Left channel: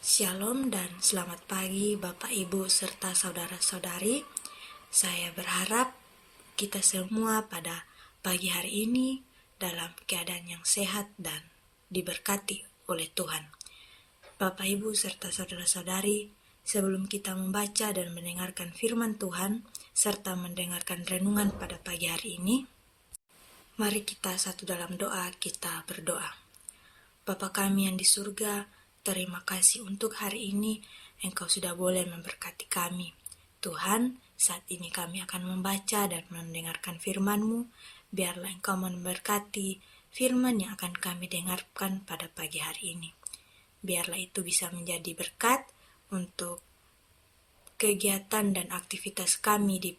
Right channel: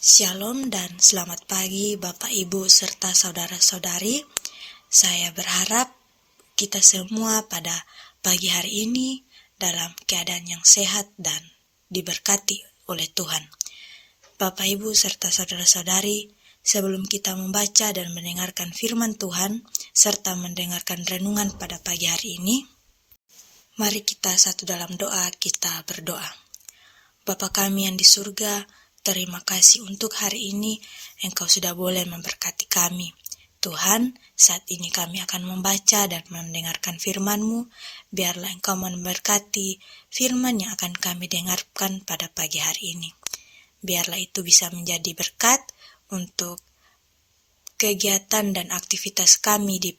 Shalom dan selamat pagi Bapak Ibu serta saudara-saudari. Saya berharap kita semua pada pagi hari ini dalam keadaan yang sehat dan diberkati oleh Tuhan. Bapak Ibu serta saudara-saudari, sebelum kita membaca dan mendengarkan firman Tuhan serta mendengarkan renungan pada pagi hari ini, mari kita satu dalam doa, kita berdoa. Bapa kami yang di surga, terima kasih untuk hari ini Engkau sudah boleh memberkati kami. Tuhan, saat ini kami akan membaca dan mendengarkan firman-Mu. Biarlah Engkau memberkati firman yang akan kami dengarkan pada pagi hari ini. Biarlah itu bisa menjadi berkat untuk kegiatan dan aktivitas kami di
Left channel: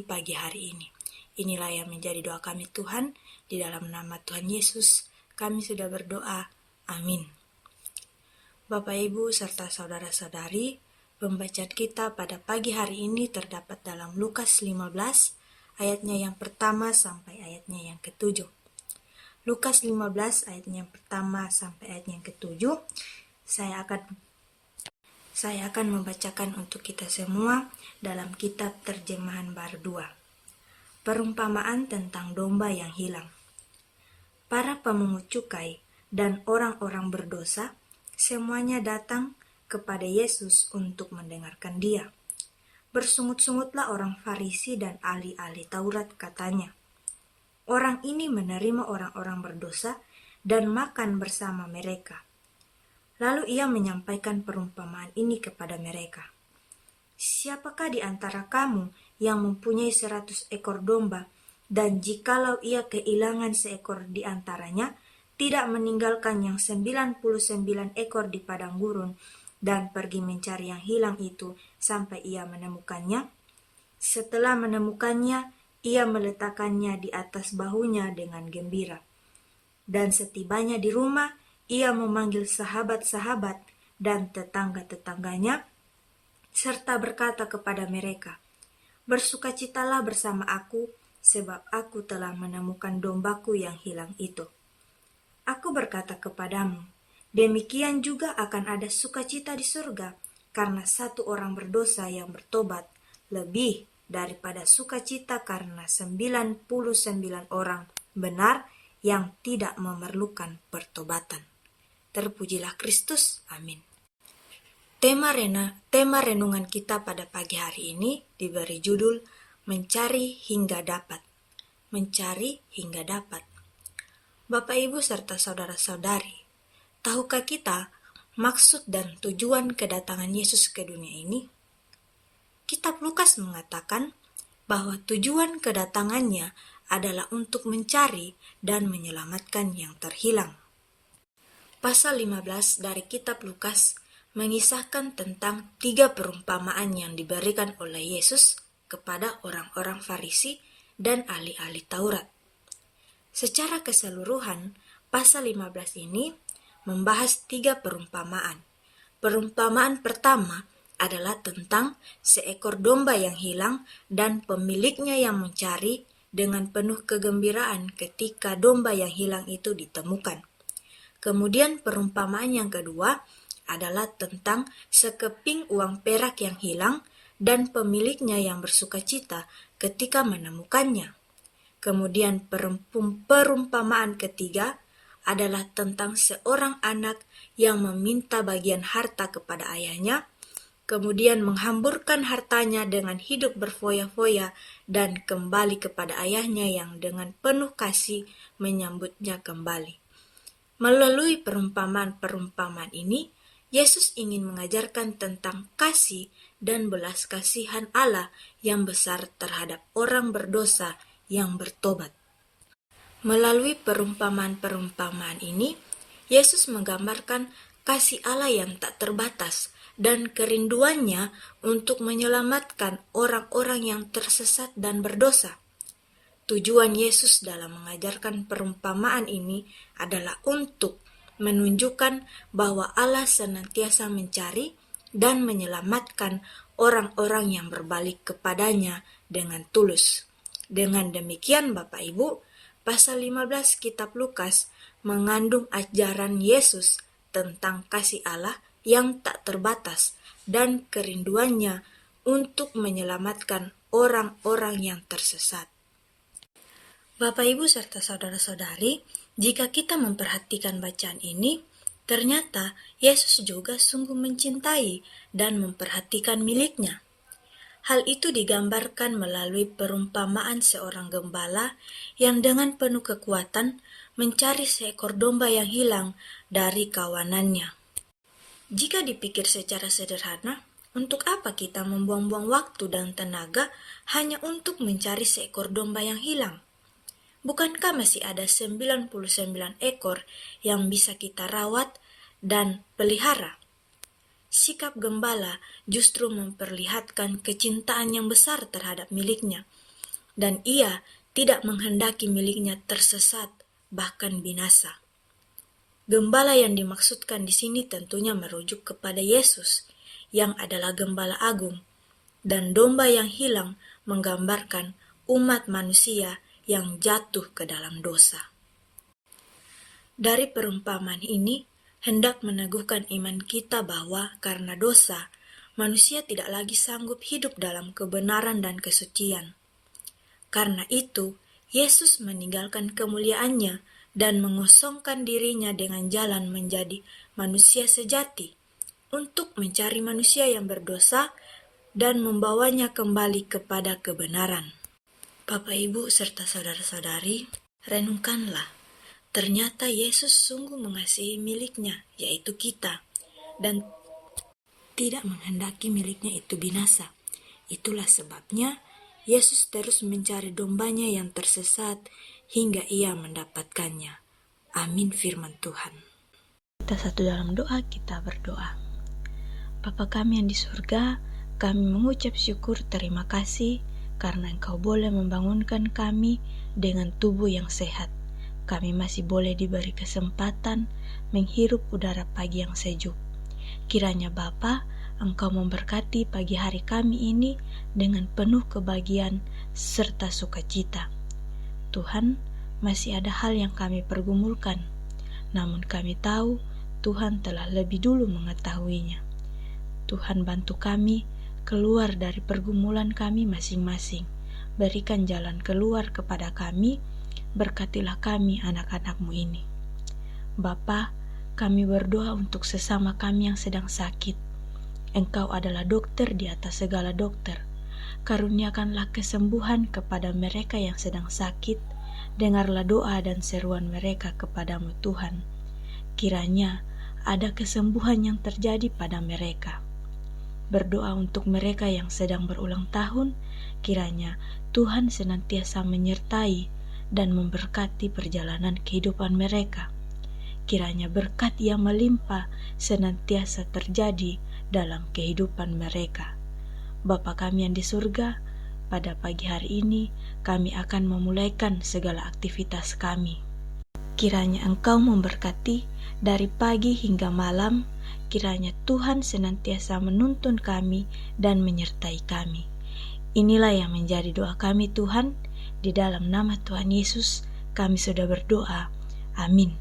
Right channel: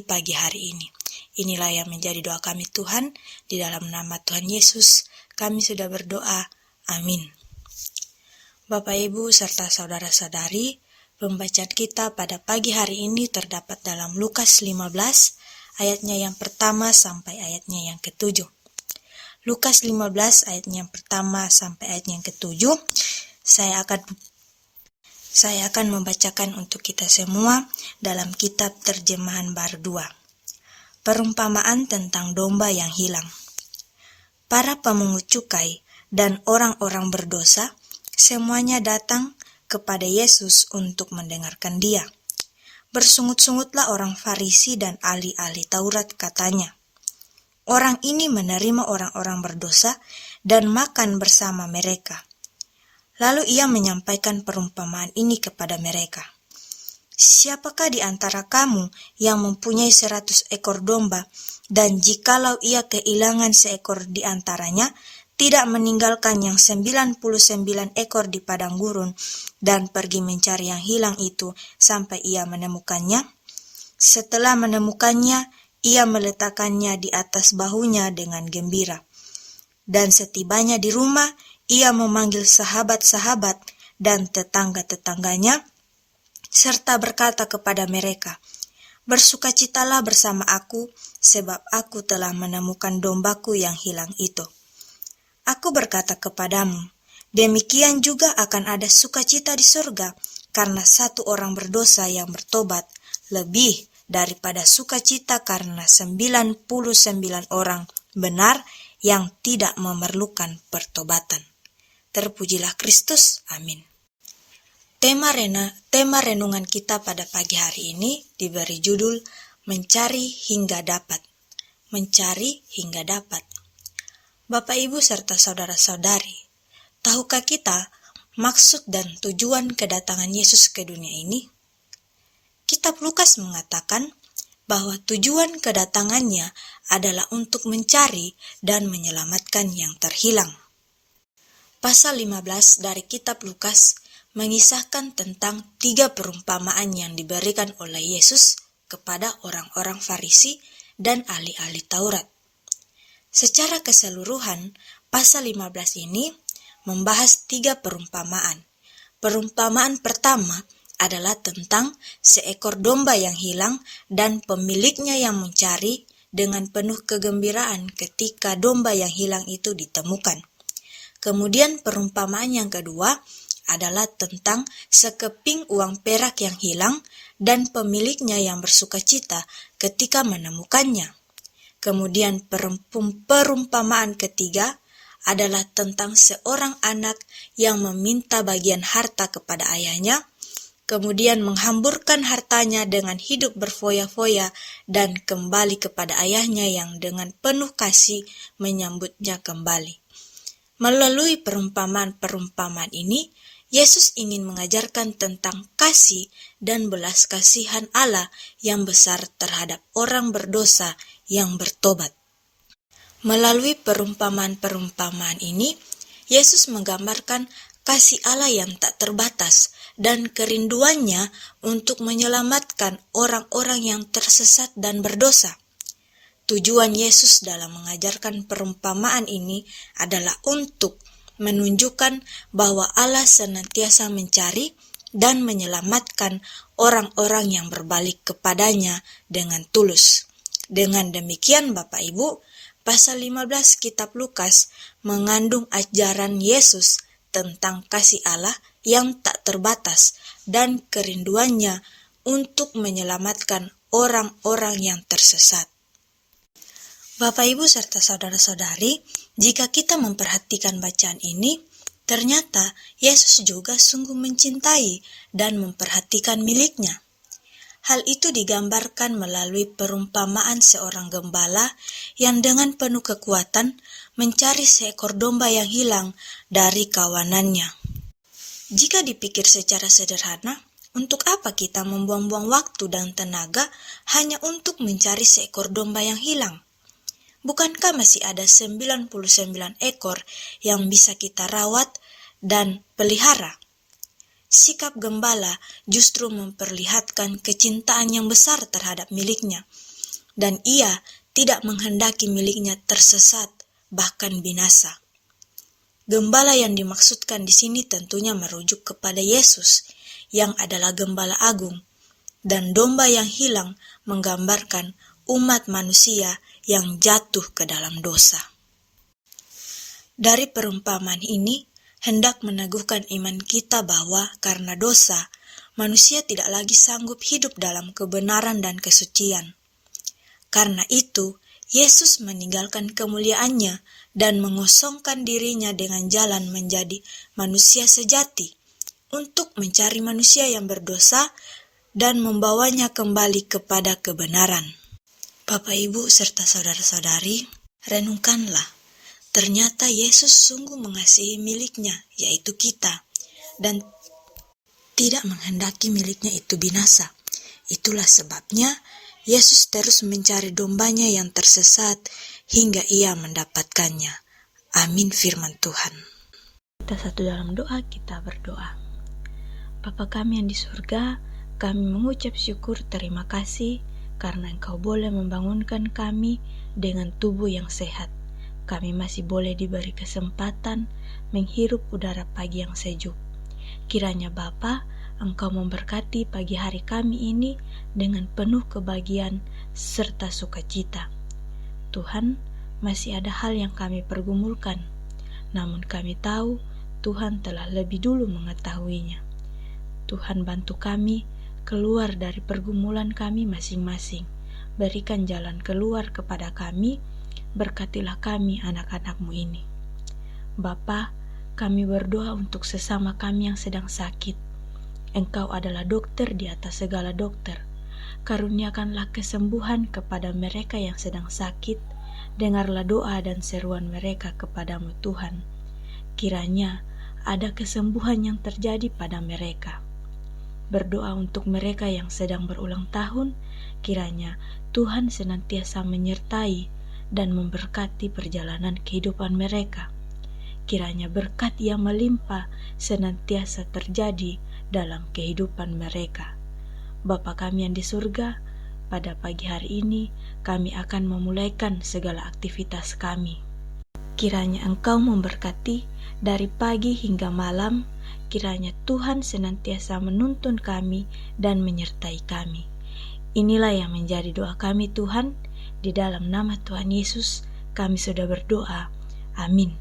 pagi hari ini. Inilah yang menjadi doa kami Tuhan. Di dalam nama Tuhan Yesus kami sudah berdoa. Amin. Bapak Ibu serta saudara-saudari, pembacaan kita pada pagi hari ini terdapat dalam Lukas 15, ayatnya yang pertama sampai ayatnya yang ke-7. Lukas 15 ayatnya yang pertama sampai ayatnya yang ke-7. Saya akan membacakan untuk kita semua dalam kitab terjemahan baru 2. Perumpamaan tentang domba yang hilang. Para pemungut cukai dan orang-orang berdosa semuanya datang kepada Yesus untuk mendengarkan Dia. Bersungut-sungutlah orang Farisi dan ahli-ahli Taurat, katanya, "Orang ini menerima orang-orang berdosa dan makan bersama mereka." Lalu Ia menyampaikan perumpamaan ini kepada mereka. "Siapakah di antara kamu yang mempunyai 100 ekor domba, dan jikalau ia kehilangan seekor di antaranya, tidak meninggalkan yang 99 ekor di padang gurun dan pergi mencari yang hilang itu sampai ia menemukannya? Setelah menemukannya, ia meletakkannya di atas bahunya dengan gembira. Dan setibanya di rumah, ia memanggil sahabat-sahabat dan tetangga-tetangganya, serta berkata kepada mereka, 'Bersukacitalah bersama aku, sebab aku telah menemukan dombaku yang hilang itu.' Aku berkata kepadamu, demikian juga akan ada sukacita di surga karena satu orang berdosa yang bertobat, lebih daripada sukacita karena 99 orang benar yang tidak memerlukan pertobatan." Terpujilah Kristus. Amin. Tema renungan kita pada pagi hari ini diberi judul Mencari hingga dapat. Mencari hingga dapat. Bapak Ibu serta saudara-saudari, tahukah kita maksud dan tujuan kedatangan Yesus ke dunia ini? Kitab Lukas mengatakan bahwa tujuan kedatangannya adalah untuk mencari dan menyelamatkan yang terhilang. Pasal 15 dari kitab Lukas mengisahkan tentang 3 perumpamaan yang diberikan oleh Yesus kepada orang-orang Farisi dan ahli-ahli Taurat. Secara keseluruhan, pasal 15 ini membahas 3 perumpamaan. Perumpamaan pertama adalah tentang seekor domba yang hilang dan pemiliknya yang mencari dengan penuh kegembiraan ketika domba yang hilang itu ditemukan. Kemudian perumpamaan yang kedua adalah tentang sekeping uang perak yang hilang dan pemiliknya yang bersukacita ketika menemukannya. Kemudian perumpamaan ketiga adalah tentang seorang anak yang meminta bagian harta kepada ayahnya, kemudian menghamburkan hartanya dengan hidup berfoya-foya dan kembali kepada ayahnya yang dengan penuh kasih menyambutnya kembali. Melalui perumpamaan-perumpamaan ini, Yesus ingin mengajarkan tentang kasih dan belas kasihan Allah yang besar terhadap orang berdosa yang bertobat. Melalui perumpamaan-perumpamaan ini, Yesus menggambarkan kasih Allah yang tak terbatas dan kerinduannya untuk menyelamatkan orang-orang yang tersesat dan berdosa. Tujuan Yesus dalam mengajarkan perumpamaan ini adalah untuk menunjukkan bahwa Allah senantiasa mencari dan menyelamatkan orang-orang yang berbalik kepadanya dengan tulus. Dengan demikian Bapak Ibu, pasal 15 kitab Lukas mengandung ajaran Yesus tentang kasih Allah yang tak terbatas dan kerinduannya untuk menyelamatkan orang-orang yang tersesat. Bapak, Ibu, serta saudara-saudari, jika kita memperhatikan bacaan ini, ternyata Yesus juga sungguh mencintai dan memperhatikan miliknya. Hal itu digambarkan melalui perumpamaan seorang gembala yang dengan penuh kekuatan mencari seekor domba yang hilang dari kawanannya. Jika dipikir secara sederhana, untuk apa kita membuang-buang waktu dan tenaga hanya untuk mencari seekor domba yang hilang? Bukankah masih ada 99 ekor yang bisa kita rawat dan pelihara? Sikap gembala justru memperlihatkan kecintaan yang besar terhadap miliknya, dan ia tidak menghendaki miliknya tersesat, bahkan binasa. Gembala yang dimaksudkan di sini tentunya merujuk kepada Yesus, yang adalah Gembala Agung, dan domba yang hilang menggambarkan umat manusia yang jatuh ke dalam dosa. Dari perumpamaan ini, hendak meneguhkan iman kita bahwa karena dosa, manusia tidak lagi sanggup hidup dalam kebenaran dan kesucian. Karena itu, Yesus meninggalkan kemuliaannya dan mengosongkan dirinya dengan jalan menjadi manusia sejati untuk mencari manusia yang berdosa dan membawanya kembali kepada kebenaran. Bapak, Ibu, serta saudara-saudari, renungkanlah. Ternyata Yesus sungguh mengasihi miliknya, yaitu kita, dan tidak menghendaki miliknya itu binasa. Itulah sebabnya Yesus terus mencari dombanya yang tersesat hingga ia mendapatkannya. Amin firman Tuhan. Kita satu dalam doa, kita berdoa. Bapa kami yang di surga, kami mengucap syukur terima kasih karena Engkau boleh membangunkan kami dengan tubuh yang sehat. Kami masih boleh diberi kesempatan menghirup udara pagi yang sejuk. Kiranya Bapa, Engkau memberkati pagi hari kami ini dengan penuh kebahagiaan serta sukacita. Tuhan, masih ada hal yang kami pergumulkan, namun kami tahu Tuhan telah lebih dulu mengetahuinya. Tuhan, bantu kami keluar dari pergumulan kami masing-masing. Berikan jalan keluar kepada kami. Berkatilah kami anak-anak-Mu ini. Bapa, kami berdoa untuk sesama kami yang sedang sakit. Engkau adalah dokter di atas segala dokter. Karuniakanlah kesembuhan kepada mereka yang sedang sakit. Dengarlah doa dan seruan mereka kepadamu Tuhan. Kiranya ada kesembuhan yang terjadi pada mereka. Berdoa untuk mereka yang sedang berulang tahun. Kiranya Tuhan senantiasa menyertai dan memberkati perjalanan kehidupan mereka. Kiranya berkat yang melimpah senantiasa terjadi dalam kehidupan mereka. Bapa kami yang di surga, pada pagi hari ini kami akan memulaikan segala aktivitas kami. Kiranya Engkau memberkati dari pagi hingga malam. Kiranya Tuhan senantiasa menuntun kami dan menyertai kami. Inilah yang menjadi doa kami Tuhan. Di dalam nama Tuhan Yesus kami sudah berdoa. Amin.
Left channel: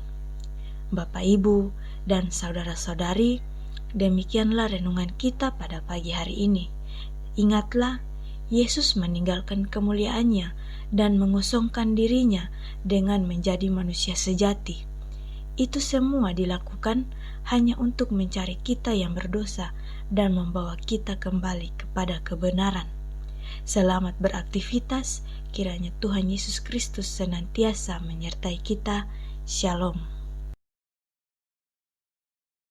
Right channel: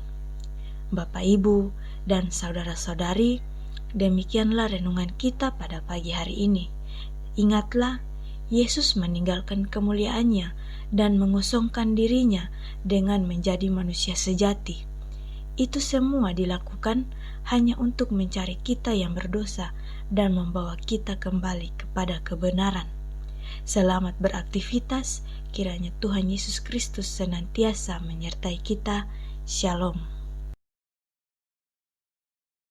Bapak, Ibu, dan saudara-saudari, demikianlah renungan kita pada pagi hari ini. Ingatlah, Yesus meninggalkan kemuliaannya dan mengosongkan dirinya dengan menjadi manusia sejati. Itu semua dilakukan hanya untuk mencari kita yang berdosa dan membawa kita kembali kepada kebenaran. Selamat beraktivitas, kiranya Tuhan Yesus Kristus senantiasa menyertai kita. Shalom.